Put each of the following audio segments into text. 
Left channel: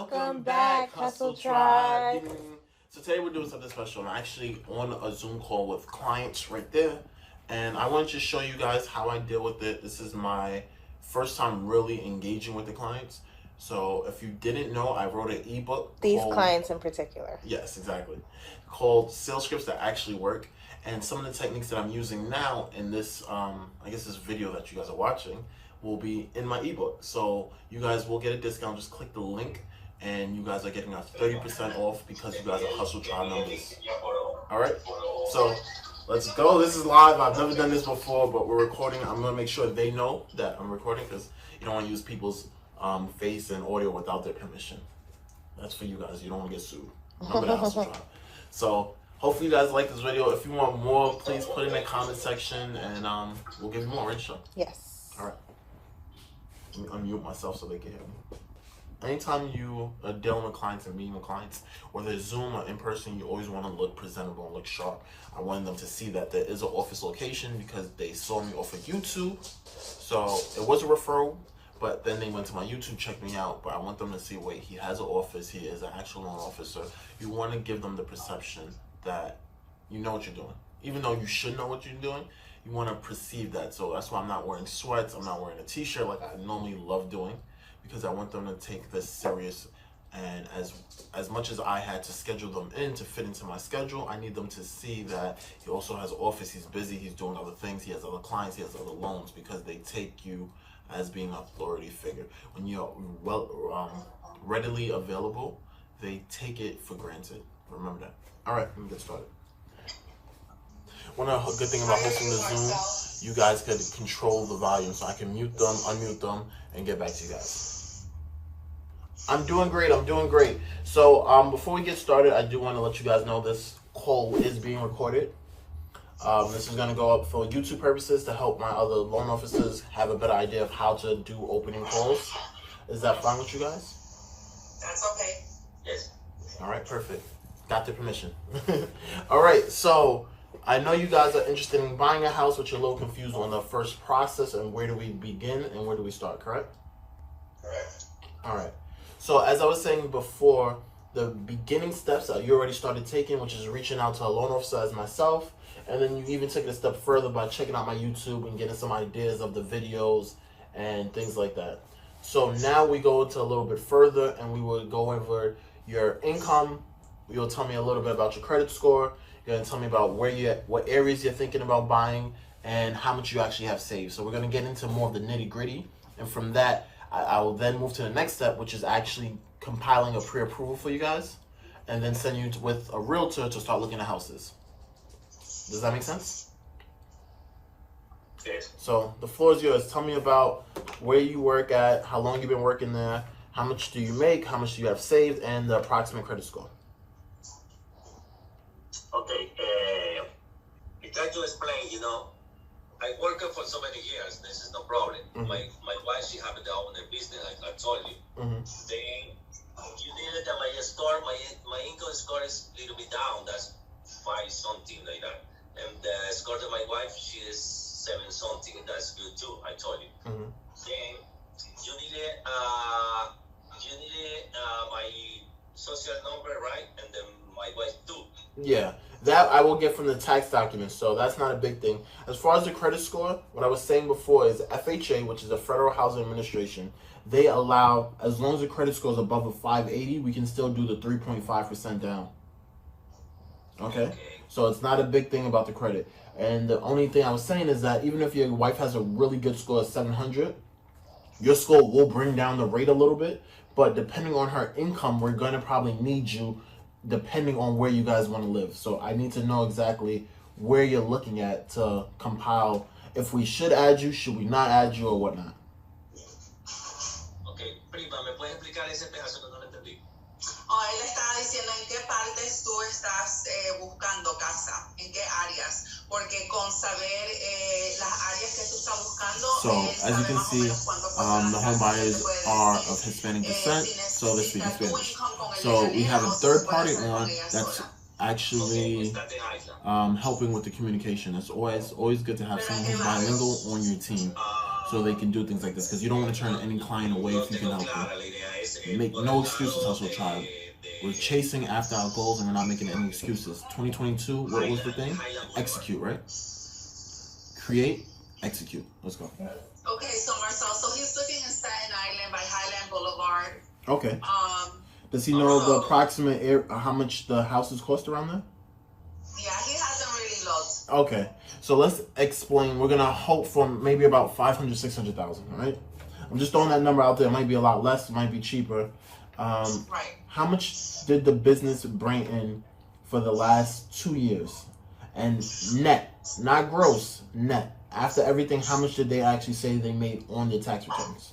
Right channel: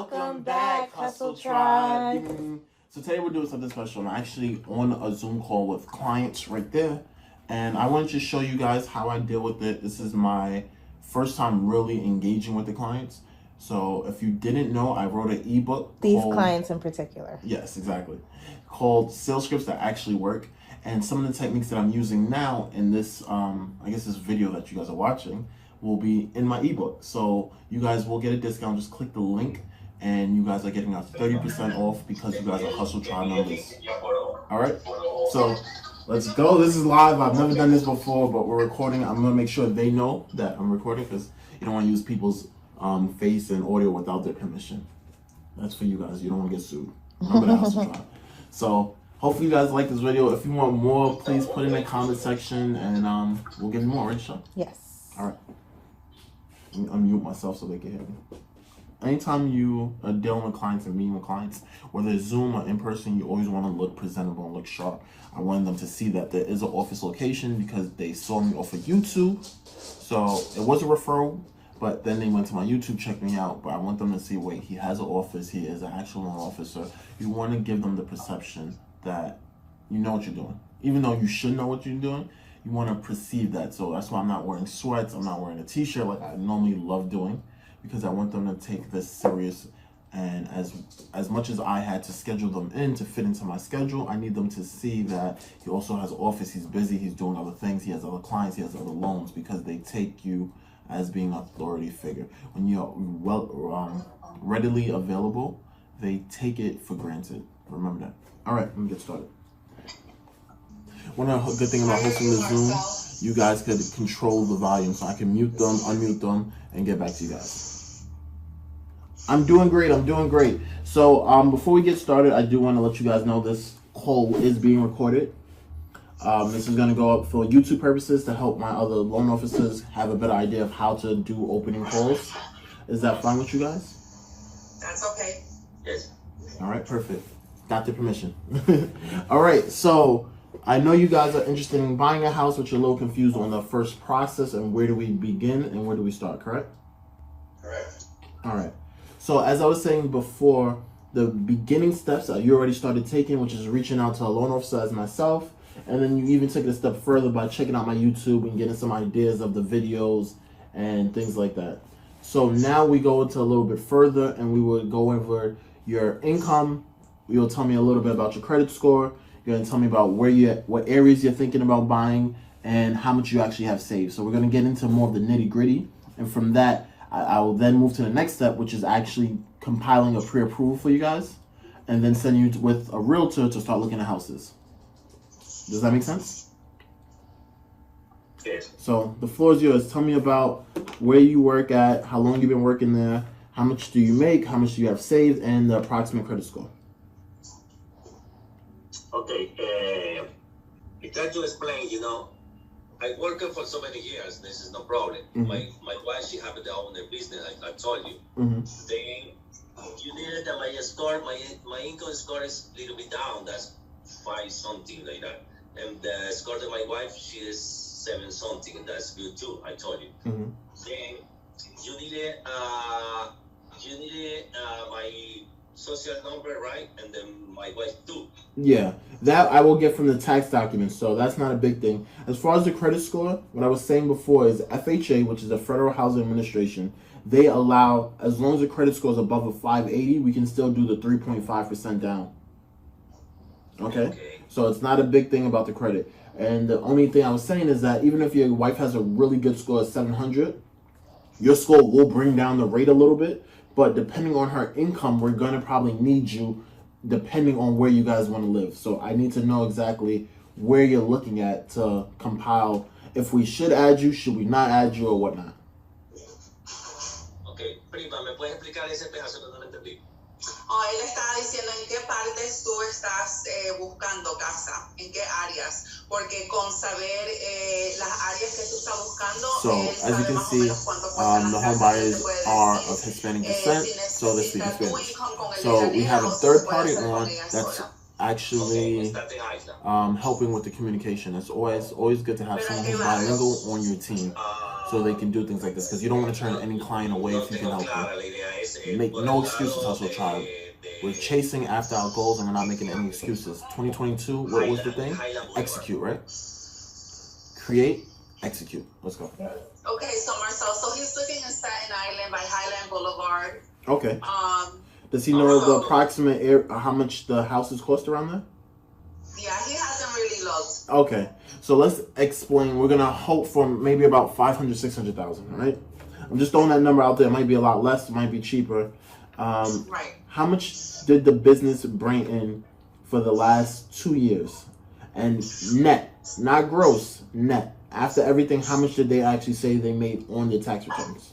Welcome back, Hustle Tribe. So today we're doing something special. I'm actually on a Zoom call with clients right there, and I wanted to show you guys how I deal with it. This is my first time really engaging with the clients. So if you didn't know, I wrote an ebook. These clients in particular. Yes, exactly. Called Sales Scripts That Actually Work. And some of the techniques that I'm using now in this, I guess this video that you guys are watching will be in my ebook. So you guys will get a discount. Just click the link and you guys are getting a 30% off because you guys are Hustle Tribe members. All right, so let's go. This is live. I've never done this before, but we're recording. I'm gonna make sure they know that I'm recording because you don't want to use people's face and audio without their permission. That's for you guys. You don't want to get sued. Remember that, Hustle Tribe. So hopefully you guys like this video. If you want more, please put in the comment section and we'll give you more, right, Sean? Yes. All right. Let me unmute myself so they can hear me. Anytime you are dealing with clients and meeting with clients, whether it's Zoom or in person, you always want to look presentable and look sharp. I wanted them to see that there is an office location because they saw me off of YouTube. So it was a referral, but then they went to my YouTube, checked me out. But I want them to see, wait, he has an office, he is an actual loan officer. You want to give them the perception that you know what you're doing. Even though you should know what you're doing, you want to perceive that. So that's why I'm not wearing sweats, I'm not wearing a t-shirt like I normally love doing, because I want them to take this serious. And as much as I had to schedule them in to fit into my schedule, I need them to see that he also has office, he's busy, he's doing other things, he has other clients, he has other loans, because they take you as being an authority figure. When you're readily available, they take it for granted. Remember that. All right, let me get started. One good thing about hosting the Zoom, you guys could control the volume, so I can mute them, unmute them, and get back to you guys. I'm doing great. So before we get started, I do want to let you guys know this call is being recorded. This is going to go up for YouTube purposes to help my other loan officers have a better idea of how to do opening calls. Is that fine with you guys? That's okay. Yes. All right, perfect. Got the permission. All right, so I know you guys are interested in buying a house, but you're a little confused on the first process and where do we begin and where do we start, correct? Correct. All right. So as I was saying before, the beginning steps you already started taking, which is reaching out to a loan officer as myself, and then you even took it a step further by checking out my YouTube and getting some ideas of the videos and things like that. So now we go into a little bit further and we will go over your income. You'll tell me a little bit about your credit score. You're going to tell me about what areas you're thinking about buying and how much you actually have saved. So we're going to get into more of the nitty gritty. And from that, I will then move to the next step, which is actually compiling a pre-approval for you guys and then send you with a realtor to start looking at houses. Does that make sense? Yes. So the floor is yours. Tell me about where you work at, how long you've been working there, how much do you make, how much do you have saved, and the approximate credit score. Okay. I try to explain, I worked for so many years. This is no problem. Mm-hmm. My wife, she happened to own a business, like I told you. Mm-hmm. Then you needed that my income score is a little bit down. That's 5 something like that. And the score of my wife, she is 7 something. That's good too. I told you. Mm-hmm. Then you needed my social number, right? And then my wife too. Yeah, that I will get from the tax documents, so that's not a big thing. As far as the credit score, what I was saying before is FHA, which is the Federal Housing Administration, they allow, as long as the credit score is above a 580, we can still do the 3.5% down. Okay? So it's not a big thing about the credit. And the only thing I was saying is that even if your wife has a really good score of 700, your score will bring down the rate a little bit, but depending on her income, we're going to probably need you depending on where you guys want to live. So I need to know exactly where you're looking at to compile if we should add you, should we not add you, or whatnot. Okay, prima, ¿me puedes explicar ese pedazo que no lo entendí? Él estaba diciendo en qué partes tú estás buscando casa, en qué áreas, porque con saber las áreas que tú estás buscando. So as you can see, the home buyers are of Hispanic descent, so they speak Spanish. So we have a third party on that's actually helping with the communication. It's always good to have someone who's bilingual on your team. so they can do things like this, because you don't want to turn any client away if you can help them. Make no excuses, Hustle Tribe. We're chasing after our goals and we're not making any excuses. 2022, what was the thing? Execute, right? Create, execute. Let's go. Okay, so Marcelle, so he's looking in Staten Island by Highland Boulevard. Okay. Does he know the approximate how much the houses cost around there? Yeah, he hasn't really looked. Okay, so let's explain. We're gonna hope for maybe about 500, 600,000. All right. I'm just throwing that number out there. It might be a lot less. It might be cheaper. Right. How much did the business bring in for the last 2 years? And net, not gross, net. After everything, how much did they actually say they made on their tax returns?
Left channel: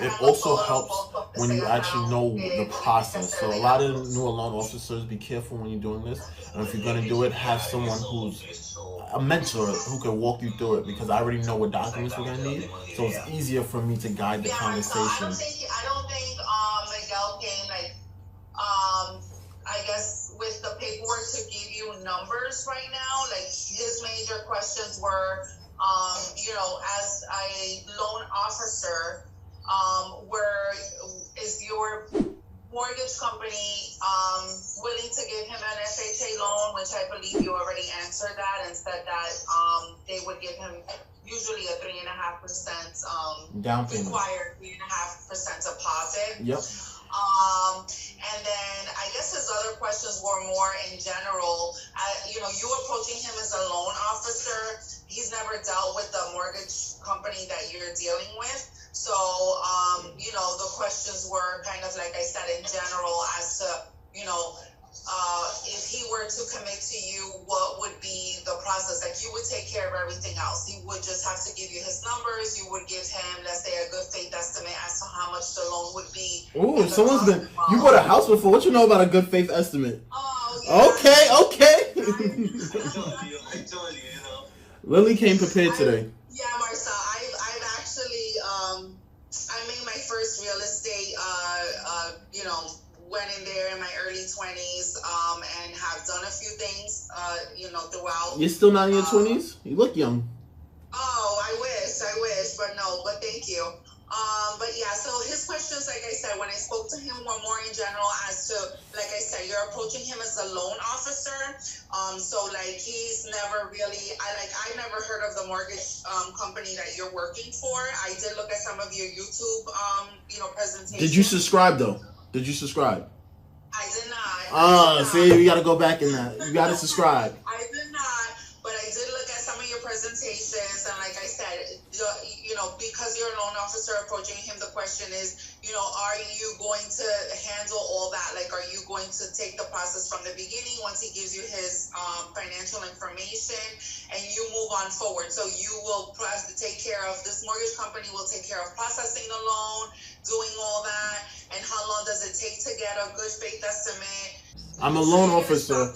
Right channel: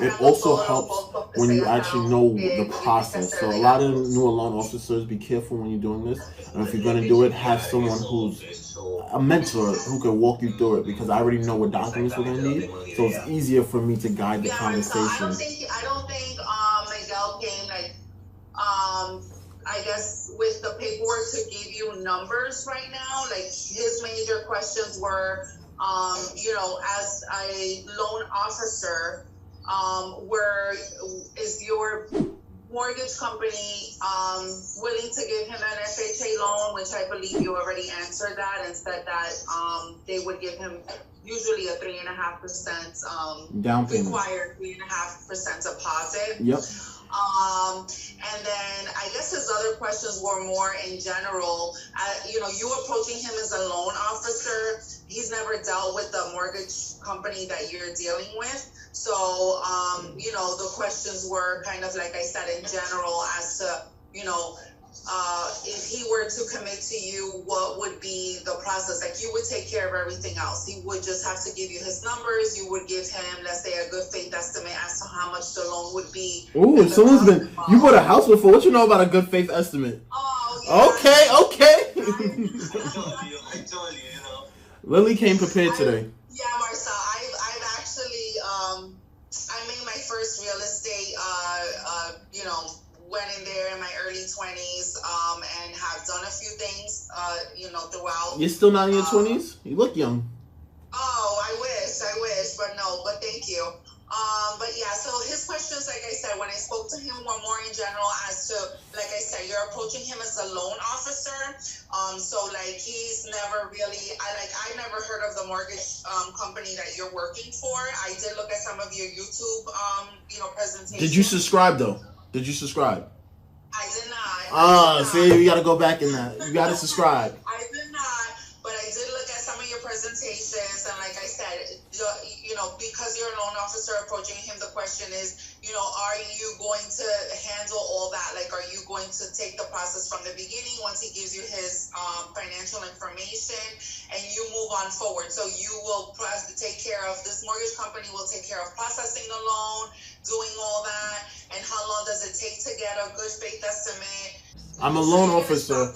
It also helps when you actually know the process. So a lot of new loan officers, be careful when you're doing this. And if you're going to do it, have someone who's a mentor who can walk you through it, because I already know what documents we're going to need. So it's easier for me to guide the conversation. I don't think Miguel came I guess with the paperwork to give you numbers right now. Like his major questions were, as a loan officer, is your mortgage company willing to give him an FHA loan, which I believe you already answered that and said that they would give him usually a 3.5% down payment, required 3.5% deposit. Yep. And then I guess his other questions were more in general. You approaching him as a loan officer, he's never dealt with the mortgage company that you're dealing with. So, the questions were kind of like I said in general as to, if he were to commit to you, what would be the process? Like you would take care of everything else. He would just have to give you his numbers. You would give him, let's say, a good faith estimate as to how much the loan would be. Ooh, you bought a house before. What you know about a good faith estimate? Oh, yeah. Okay. I told you, Lily came prepared today. Yeah, Marcelle, I've actually, I made my first real estate, went in there in my early 20s, and have done a few things, throughout. You're still not in your 20s? You look young. Oh, I wish, but no, but thank you. But yeah, so his questions, like I said, when I spoke to him, were more in general as to, like I said, you're approaching him as a loan officer. So like he's never really, I never heard of the mortgage company that you're working for. I did look at some of your YouTube, presentations. Did you subscribe though? Did you subscribe? I did not. See, you gotta go back in that. You gotta subscribe. I did not, but I did look at some of your presentations, and like I said, because you're a loan officer approaching him, the question is, are you going to handle all that? Like, are you going to take the process from the beginning once he gives you his financial information, and you move on forward? So you will take care of, this mortgage company will take care of processing the loan, doing all that, and how long does it take to get a good faith estimate? I'm a loan officer.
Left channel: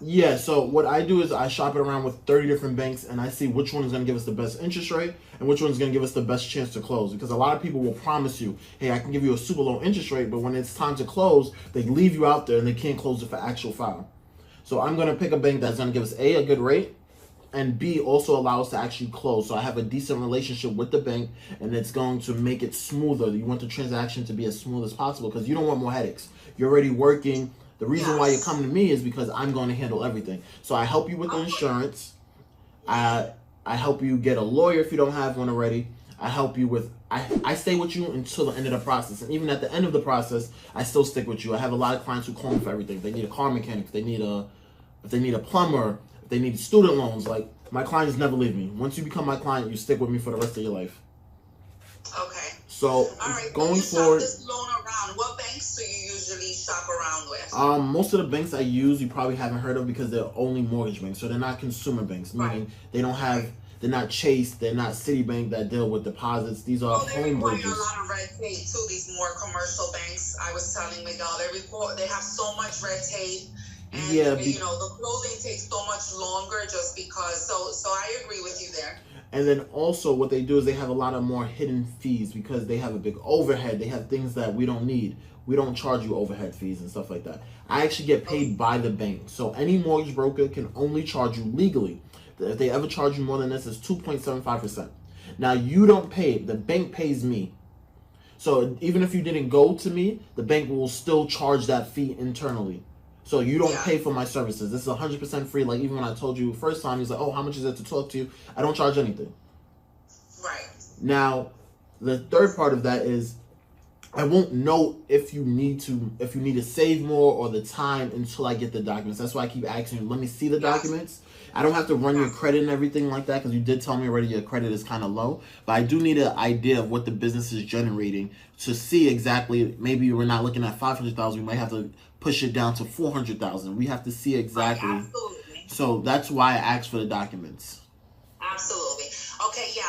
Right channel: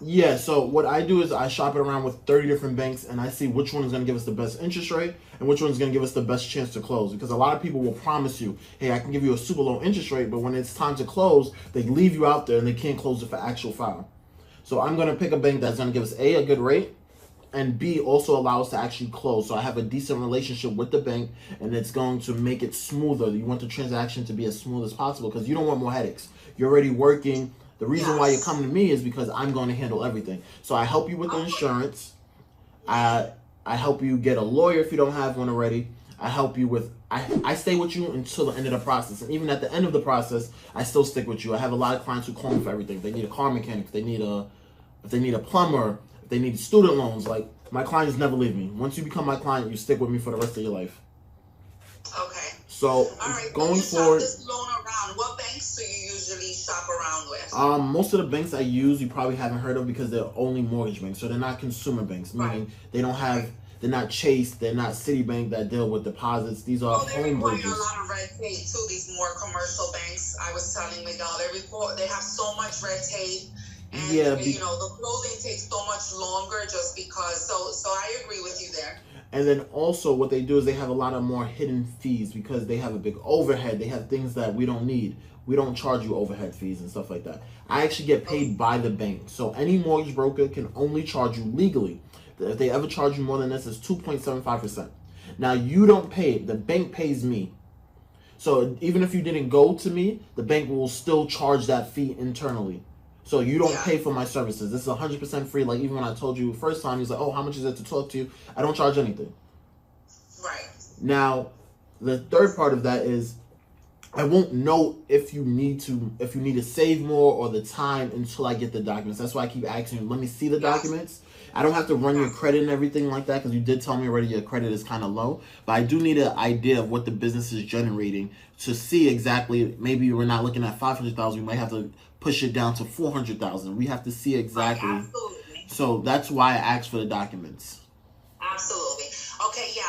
Yeah, so what I do is I shop it around with 30 different banks, and I see which one is going to give us the best interest rate and which one is going to give us the best chance to close. Because a lot of people will promise you, hey, I can give you a super low interest rate, but when it's time to close, they leave you out there and they can't close it for actual file. So I'm going to pick a bank that's going to give us A, a good rate, and B, also allow us to actually close. So I have a decent relationship with the bank, and it's going to make it smoother. You want the transaction to be as smooth as possible because you don't want more headaches. You're already working. The reason why you're coming to me is because I'm going to handle everything. So I help you with the insurance. I help you get a lawyer if you don't have one already. I help you with, I stay with you until the end of the process. And even at the end of the process, I still stick with you. I have a lot of clients who call me for everything. If they need a car mechanic, if they need a plumber, if they need student loans, like my clients never leave me. Once you become my client, you stick with me for the rest of your life. Okay. So all right, going forward, this loan around, what banks do you usually shop around with? Most of the banks I use you probably haven't heard of because they're only mortgage banks. So they're not consumer banks, meaning they don't have, they're not Chase, they're not Citibank that deal with deposits. These are home bridges. They require a lot of red tape too, these more commercial banks. I was telling Miguel, they have so much red tape. And the closing takes so much longer just because, so I agree with you there. And then also what they do is they have a lot of more hidden fees because they have a big overhead. They have things that we don't need. We don't charge you overhead fees and stuff like that. I actually get paid by the bank. So any mortgage broker can only charge you legally. If they ever charge you more than this, it's 2.75%. Now you don't pay, the bank pays me. So even if you didn't go to me, the bank will still charge that fee internally. So you don't pay for my services. This is 100% free. Like even when I told you first time, he's like, oh, how much is it to talk to you? I don't charge anything. Right. Now, the third part of that is I won't know if you need to save more or the time until I get the documents. That's why I keep asking you, let me see the documents. I don't have to run your credit and everything like that because you did tell me already your credit is kind of low. But I do need an idea of what the business is generating to see exactly. Maybe we're not looking at 500,000. We might have to push it down to 400,000. We have to see exactly. Right, absolutely. So that's why I asked for the documents. Absolutely. Okay, yeah,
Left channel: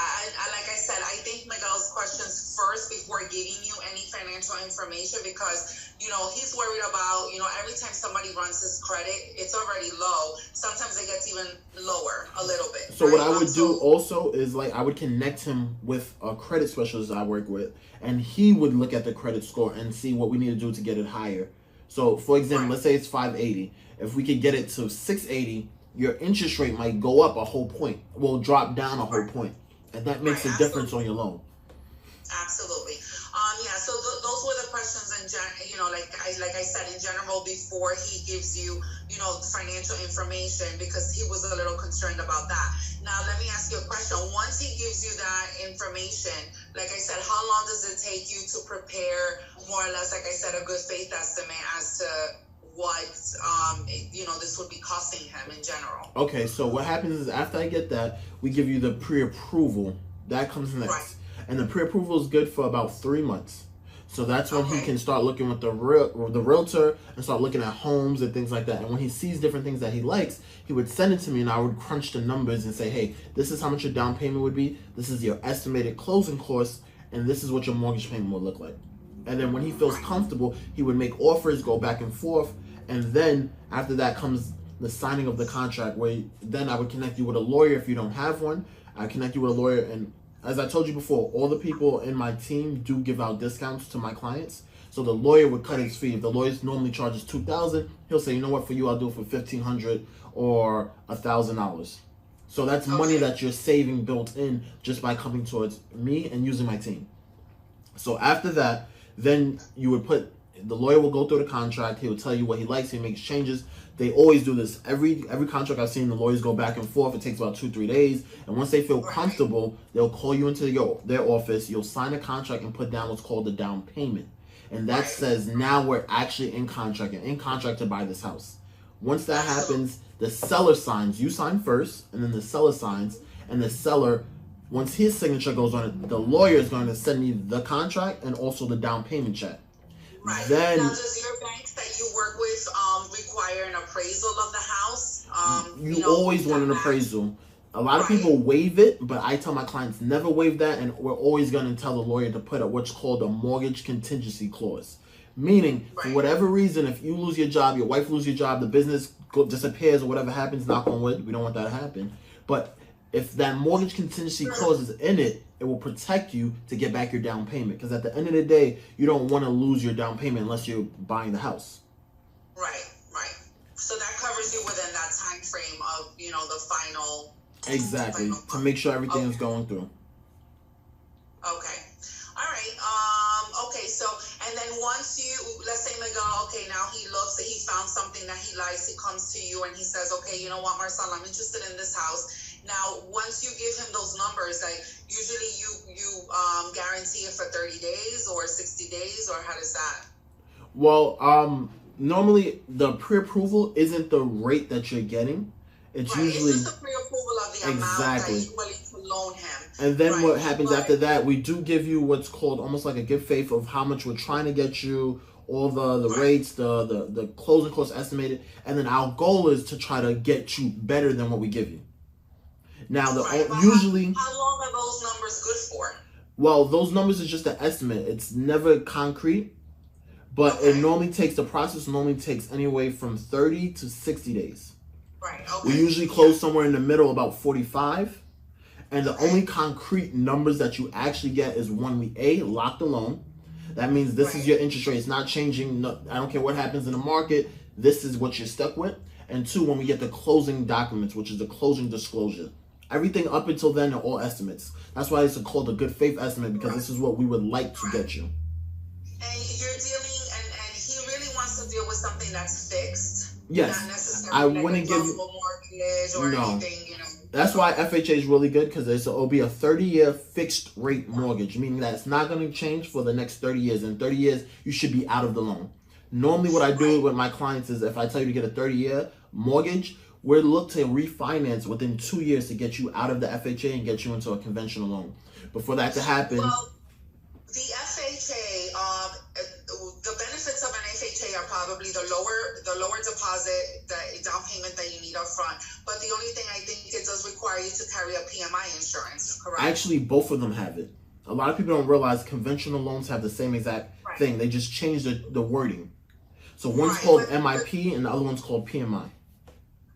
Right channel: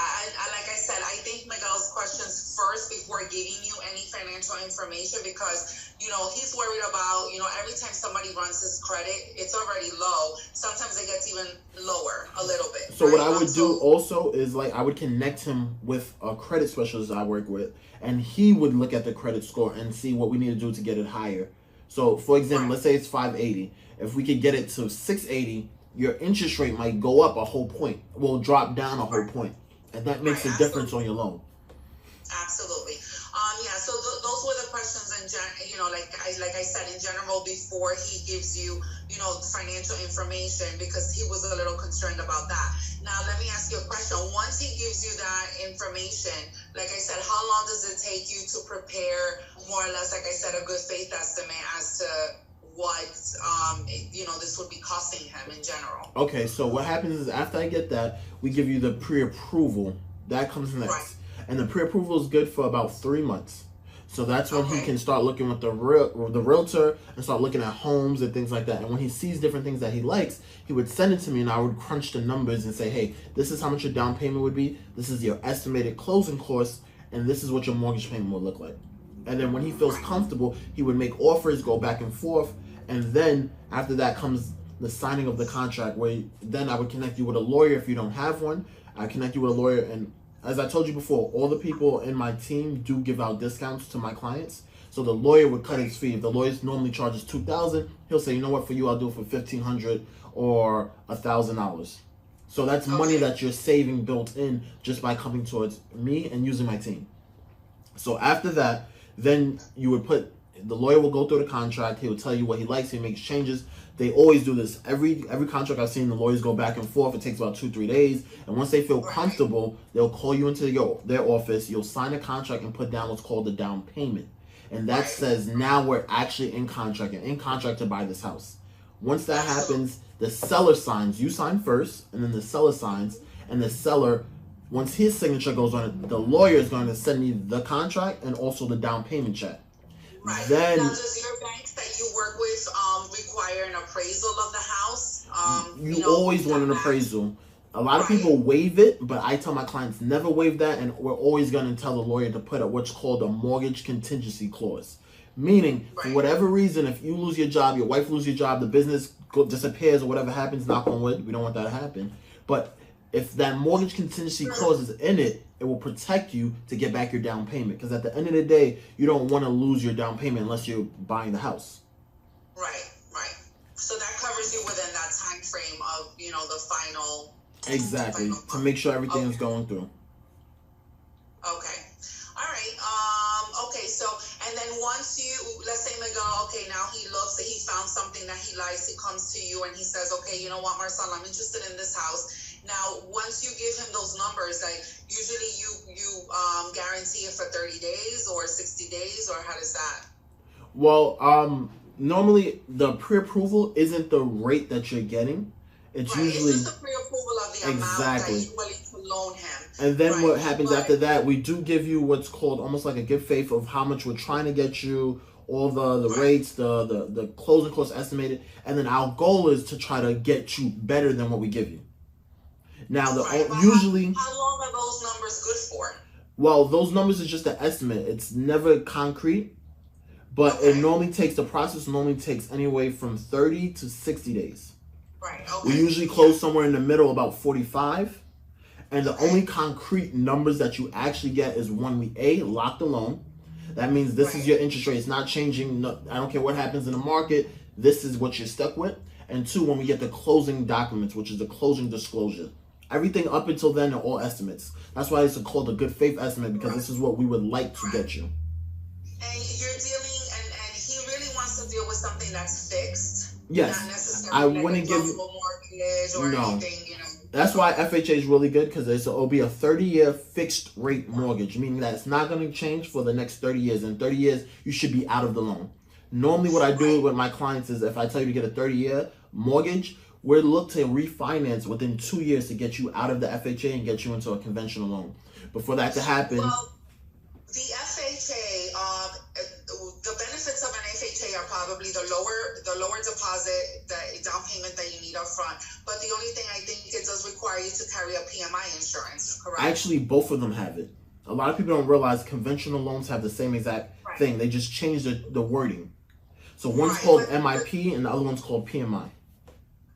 like I said, I think Miguel's questions first before giving you any financial information because, he's worried about, every time somebody runs his credit, it's already low. Sometimes it gets even lower a little bit. So what I would do also is I would connect him with a credit specialist I work with, and he would look at the credit score and see what we need to do to get it higher. So for example, let's say it's 580. If we could get it to 680, your interest rate might go up a whole point. Will drop down a whole point. And that makes a difference on your loan. Absolutely. Yeah, so those were the questions like I said, in general, before he gives you, financial information, because he was a little concerned about that. Now, let me ask you a question. Once he gives you that information, like I said, how long does it take you to prepare, more or less, like I said, a good faith estimate as to what this would be costing him in general? Okay, so what happens is after I get that, we give you the pre-approval. That comes next. Right. And the pre-approval is good for about 3 months. So that's when he can start looking with the realtor and start looking at homes and things like that. And when he sees different things that he likes, he would send it to me and I would crunch the numbers and say, hey, this is how much your down payment would be. This is your estimated closing costs. And this is what your mortgage payment would look like. And then when he feels comfortable, he would make offers, go back and forth. And then after that comes the signing of the contract, where then I would connect you with a lawyer if you don't have one. I connect you with a lawyer, and as I told you before, all the people in my team do give out discounts to my clients. So the lawyer would cut his fee. If the lawyer normally charges $2,000, he'll say, you know what, for you I'll do it for $1,500 or $1,000. So that's money that you're saving built in just by coming towards me and using my team. So after that, then you would the lawyer will go through the contract. He will tell you what he likes. He makes changes. They always do this. Every contract I've seen, the lawyers go back and forth. It takes about 2-3 days. And once they feel comfortable, they'll call you into their office. You'll sign a contract and put down what's called the down payment. And that says now we're actually in contract and in contract to buy this house. Once that happens, the seller signs. You sign first, and then the seller signs. And the seller, once his signature goes on it, the lawyer is going to send me the contract and also the down payment check. Right. Then, now, does your banks that you work with require an appraisal of the house? You always want an appraisal. A lot of people waive it, but I tell my clients never waive that, and we're always going to tell the lawyer to put up what's called a mortgage contingency clause. Meaning, for whatever reason, if you lose your job, your wife loses your job, the business disappears, or whatever happens, knock on wood, we don't want that to happen. But if that mortgage contingency clause is in it, it will protect you to get back your down payment. Because at the end of the day, you don't want to lose your down payment unless you're buying the house. Right. So that covers you within that time frame of, the final. Exactly. To make sure everything is going through. Okay. All right. Okay. So, and then once let's say Miguel, now he found something that he likes. He comes to you and he says, okay, you know what, Marcelle, I'm interested in this house. Now, once you give him those numbers, usually you guarantee it for 30 days or 60 days, or how does that? Well, normally the pre-approval isn't the rate that you're getting. It's usually it's just the pre-approval of the amount that you're willing to loan him. And then what happens after that, we do give you what's called almost like a good faith of how much we're trying to get you, all the rates, the closing costs estimated, and then our goal is to try to get you better than what we give you. Now, usually, how long are those numbers good for? Well, those numbers is just an estimate. It's never concrete, but it normally takes, the process normally takes anywhere from 30 to 60 days. Right. Okay. We usually close somewhere in the middle, about 45. And the only concrete numbers that you actually get is when we lock the loan. That means this is your interest rate. It's not changing. No, I don't care what happens in the market. This is what you're stuck with. And 2, when we get the closing documents, which is the closing disclosure. Everything up until then are all estimates. That's why it's called a good faith estimate, because this is what we would like to get you. And you're dealing, and he really wants to deal with something that's fixed. Yes. Not necessarily I like wouldn't a give you mortgage or anything, you know. That's why FHA is really good, because it'll be a 30-year fixed rate mortgage, meaning that it's not going to change for the next 30 years. In 30 years, you should be out of the loan. Normally, what I do with my clients is if I tell you to get a 30-year mortgage, we'll look to refinance within 2 years to get you out of the FHA and get you into a conventional loan. But for that to happen... Well, the FHA, the benefits of an FHA are probably the lower deposit, the down payment that you need up front. But the only thing I think it does require you to carry a PMI insurance, correct? Actually, both of them have it. A lot of people don't realize conventional loans have the same exact thing. They just change the wording. So one's called MIP and the other one's called PMI.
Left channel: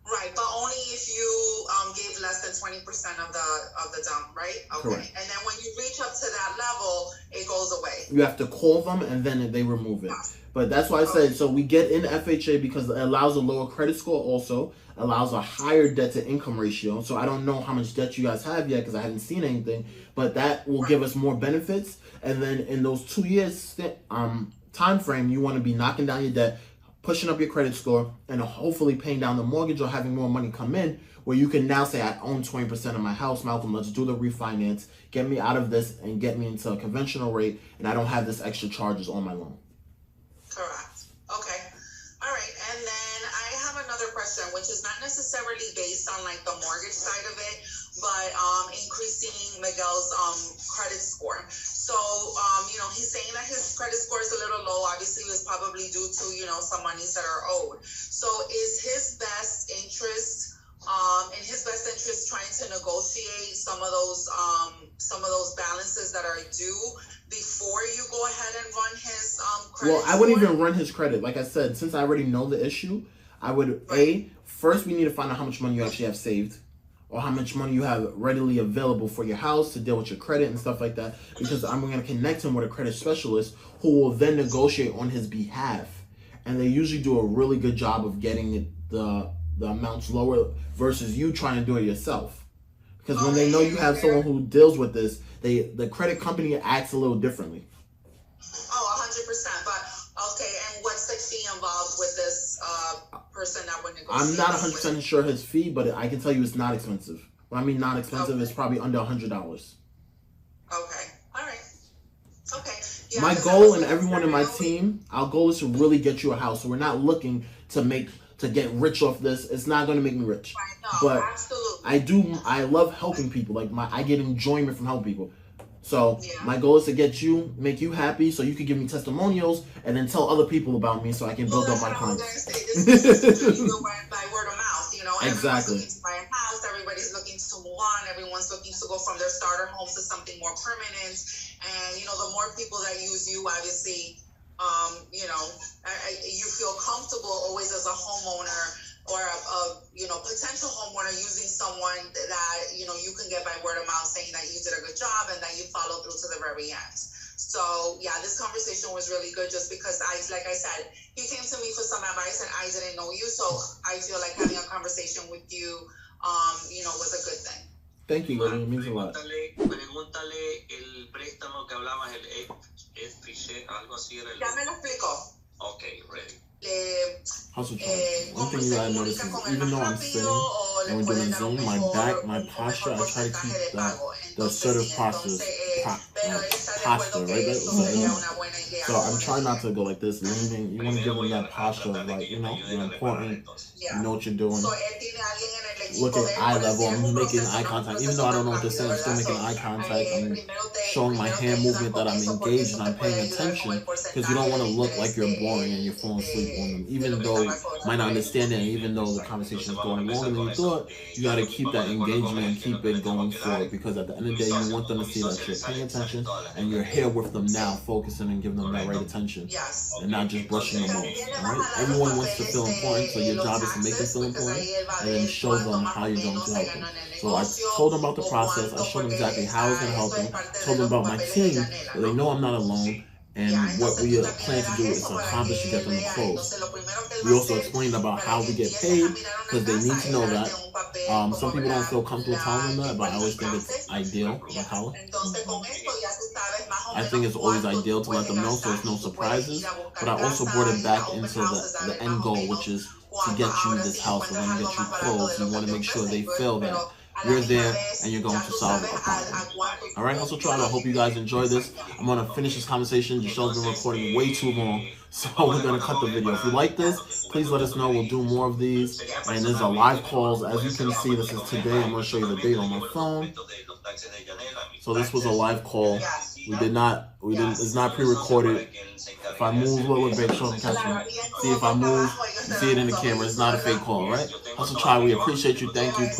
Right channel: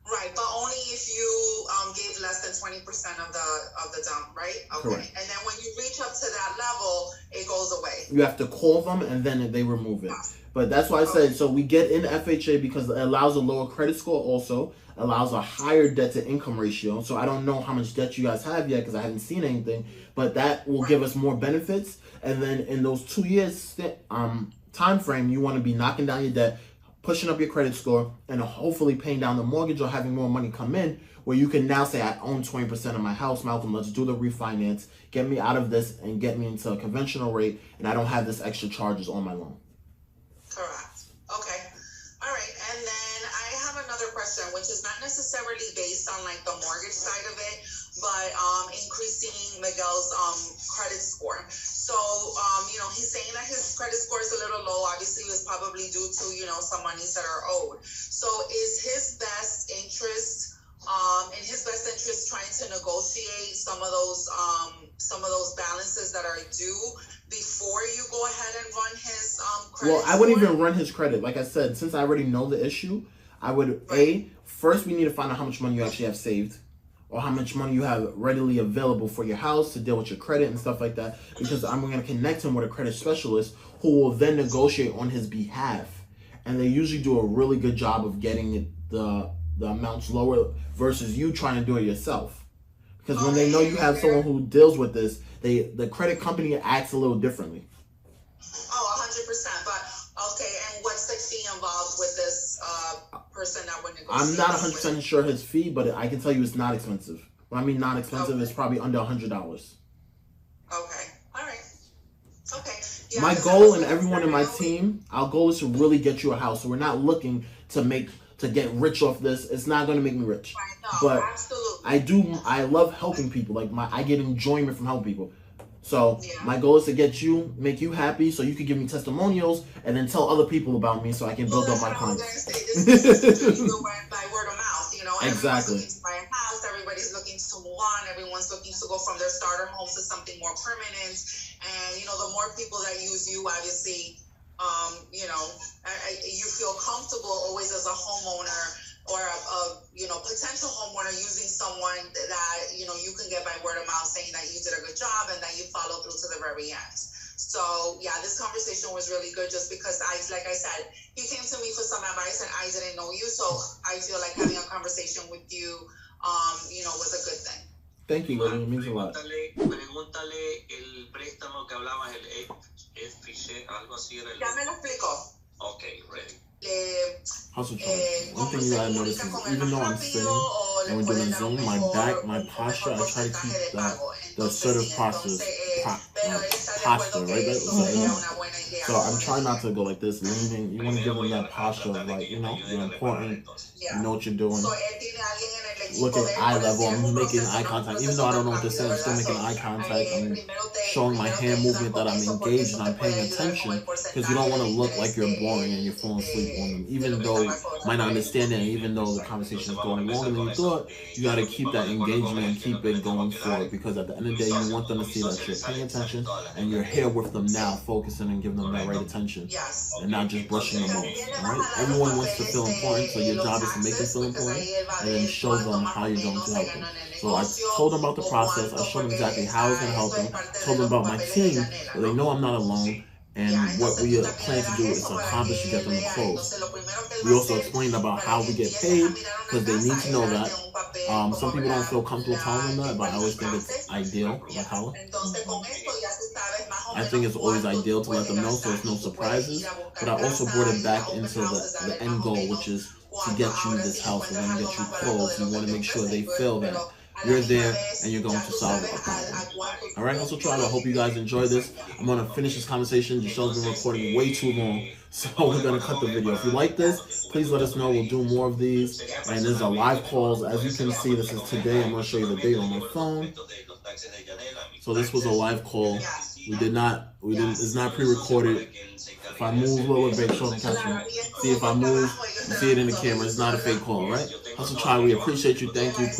Right, but only if you gave less than 20% of the down, right? Okay. Correct. And then when you reach up to that level, it goes away. You have to call them and then they remove it. But that's why I said, so we get in FHA because it allows a lower credit score, also allows a higher debt to income ratio. So I don't know how much debt you guys have yet because I haven't seen anything, but that will give us more benefits. And then in those 2 years time frame, you want to be knocking down your debt, pushing up your credit score, and hopefully paying down the mortgage or having more money come in, where you can now say, I own 20% of my house, Malcolm, let's do the refinance, get me out of this and get me into a conventional rate, and I don't have this extra charges on my loan. Correct. Okay. All right. And then I have another question, which is not necessarily based on like the mortgage side of it, but increasing Miguel's credit score. So, he's saying that his credit score is a little low. Obviously, it was probably due to, some monies that are owed. So is his best interest, trying to negotiate some of those balances that are due before you go ahead and run his credit Well, I wouldn't even run his credit. Like I said, since I already know the issue, I would, first we need to find out how much money you actually have saved, or how much money you have readily available for your house to deal with your credit and stuff like that, because I'm going to connect him with a credit specialist who will then negotiate on his behalf. And they usually do a really good job of getting the amounts lower versus you trying to do it yourself. Because when they know you have someone who deals with this, the credit company acts a little differently. Oh, 100%. But, okay, and what's the fee involved with this person that would negotiate? I'm not 100% sure his fee, but I can tell you it's not expensive. When I mean not expensive, it's probably under $100. Okay. All right. Okay. Yeah, my goal and everyone in my team, our goal is to really get you a house. So we're not looking to get rich off this. It's not going to make me rich. Right, no, but absolutely. I love helping people. I get enjoyment from helping people. So my goal is to make you happy, so you can give me testimonials and then tell other people about me, so I can build up my clients. This is by word of mouth. Exactly. Everyone's looking to buy a house. Everybody's looking to move on. Everyone's looking to go from their starter home to something more permanent. And the more people that use you, obviously, you feel comfortable always as a homeowner or a potential homeowner using someone that you can get by word of mouth, saying that you did a good job and that you follow through to the very end. So this conversation was really good, just because like I said, he came to me for some advice and I didn't know you, so I feel like having a conversation with you was a good thing. Thank you, Lily. It means a lot. Pregúntale el préstamo que hablabas, el FHA, algo así era el... Ya me lo explicó. Okay, ready. Hustle charge. One thing you gotta notice is, even though I'm sitting and we're doing Zoom, my back, my posture, I try to keep the assertive posture, right? So I'm trying not to go like this, leaning. You want to give them that posture of you're important, you know what you're doing. Look at eye level, I'm making eye contact. Even though I don't know what they're saying, I'm still making eye contact. I'm showing my hand movement that I'm engaged and I'm paying attention, because you don't want to look like you're boring and you're falling asleep on them. Even though you might not understand it, and even though the conversation is going longer than you thought, you got to keep that engagement and keep it going forward, because at the end of the day, you want them to see that you're paying attention and you're here with them now, focusing and giving them that right attention, and not just brushing them off. Right? Everyone wants to feel important, so your job is to make them feel important and then show them how you're going to help them. So I told them about the process. I showed them exactly how I was going to help them. Told them about my team, so they know I'm not alone. And what we plan to do is accomplish to get them to close. We also explained about how we get paid, because they need to know that. Some people don't feel comfortable telling them that, but I always think it's ideal. I think it's always ideal to let them know so it's no surprises. But I also brought it back into the end goal, which is to get you this house. We're going to get you clothes. You want to make sure they feel that you're there and you're going to solve a problem. All right, Hustle Tribe, I hope you guys enjoy this. I'm going to finish this conversation. The show's been recording way too long, so we're going to cut the video. If you like this, please let us know. We'll do more of these. And there's a live calls. As you can see, this is today. I'm going to show you the date on my phone. So this was a live call. It's not pre-recorded. If I move a little bit, make sure I'm catching. See if I move, you see it in the camera. It's not a fake call, right? Hustle Tribe, we appreciate you. Thank you. Please